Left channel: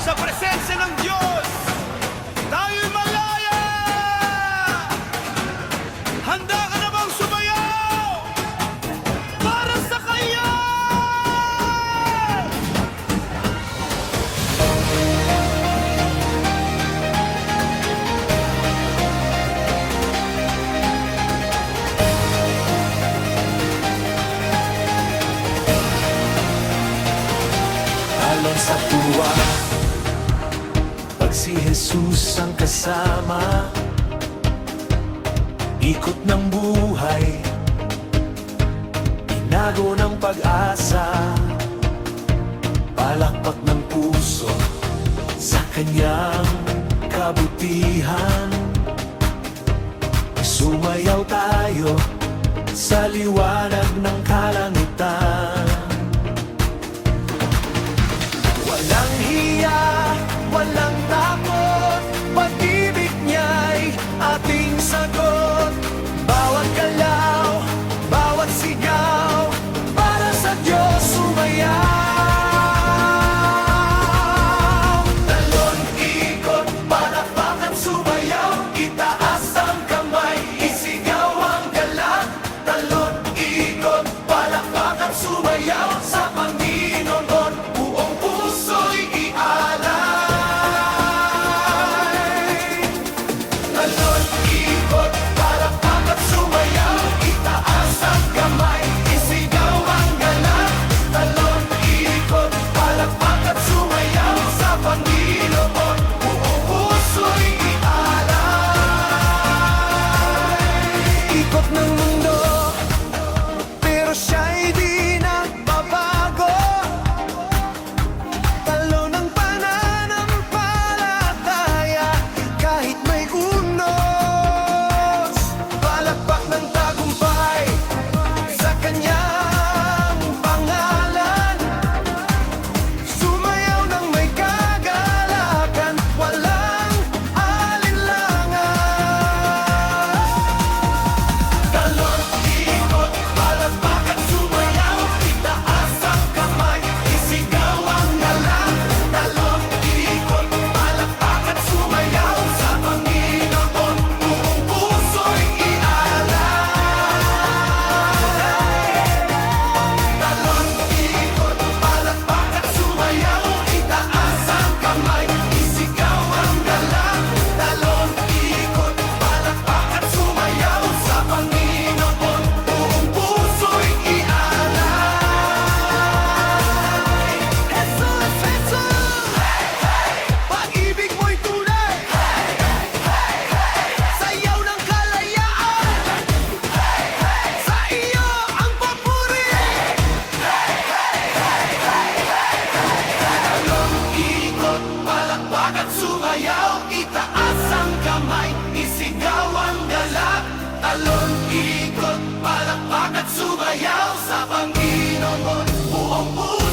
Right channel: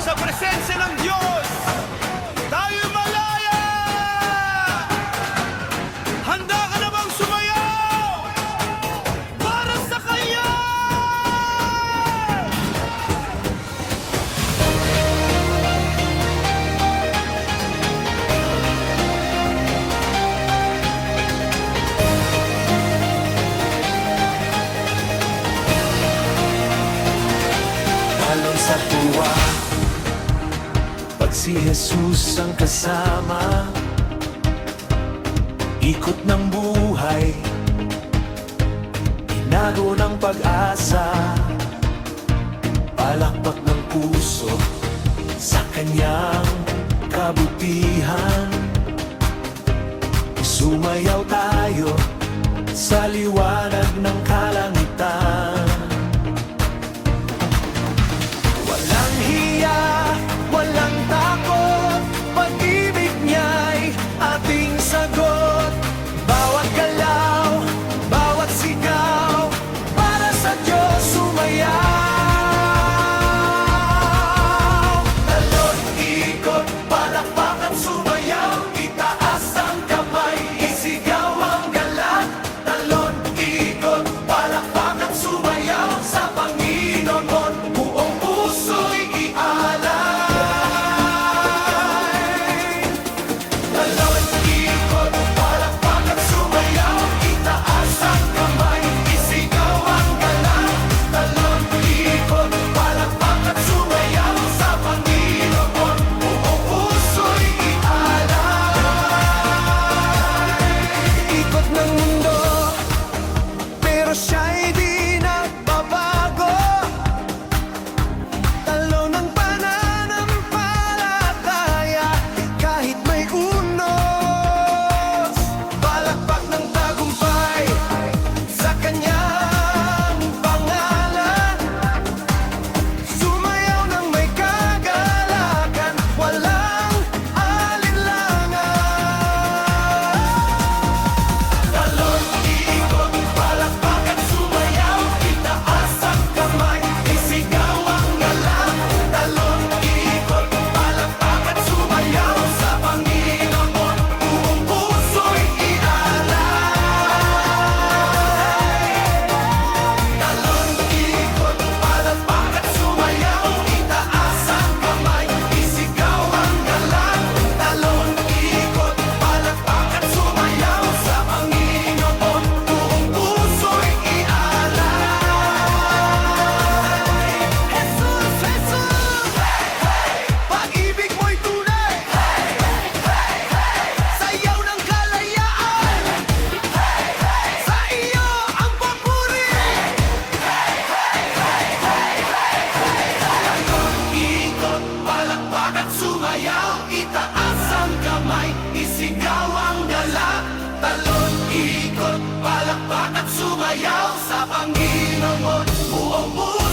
sa presensya ng Diyos. Tayo'y malaya! Handa ka na bang sumayaw? Para sa Kanya! Talon sa tuwa, pag si Jesus ang kasama. Ikot ng buhay, inago ng pag-asa. Palakpak ng puso sa kanyang kabutihan. Sumayaw tayo sa liwanag ng kalangitan. Walang hiya, walang takot, pag-ibig niya'y ating sagot. Bawat galaw, bawat sigaw, para sa Diyos sumayaw. Talon, ikot, palakpak at sumayaw. Itaas ang kamay, isigaw ang galang. Talon, ikot, palakpak at sumayaw. Sa Panginoon, buong puso'y ialay. Talon, ikot, palakpak at sumayaw. Itaas ang kamay, isigaw ang galang. Talon, ikot, palakpak at sumayaw. Sa Panginoon, buong puso'y ialay. Ikot ng mundo, pero siya'y di nagbabago. Talo ng pananampalataya, kahit may unos. Palakpak ng tagumpay sa kanyang pangalan. Sumayaw ng may kagalakan, walang alinlangan. Talon, ikot, palakpak at sumayaw. Itaas ang kamay, isigaw ang galang. Talon, ikot, palakpak at sumayaw. Sa Panginoon, buong puso'y ialay. Talon, ikot, palakpak at sumayaw. Itaas ang kamay, isigaw ang galang. Talon, ikot, palakpak at sumayaw. Sa Panginoon, buong puso'y ialay. Jesus, Jesus! Pag-ibig mo'y tunay. Sayaw ng kalayaan. Sa iyo ang papuri. Talon, ikot, palakpak at sumayaw. Itaas ang kamay, isigaw ang galak. Talon, ikot, palakpak at sumayaw. Sa Panginoon mo, buong puso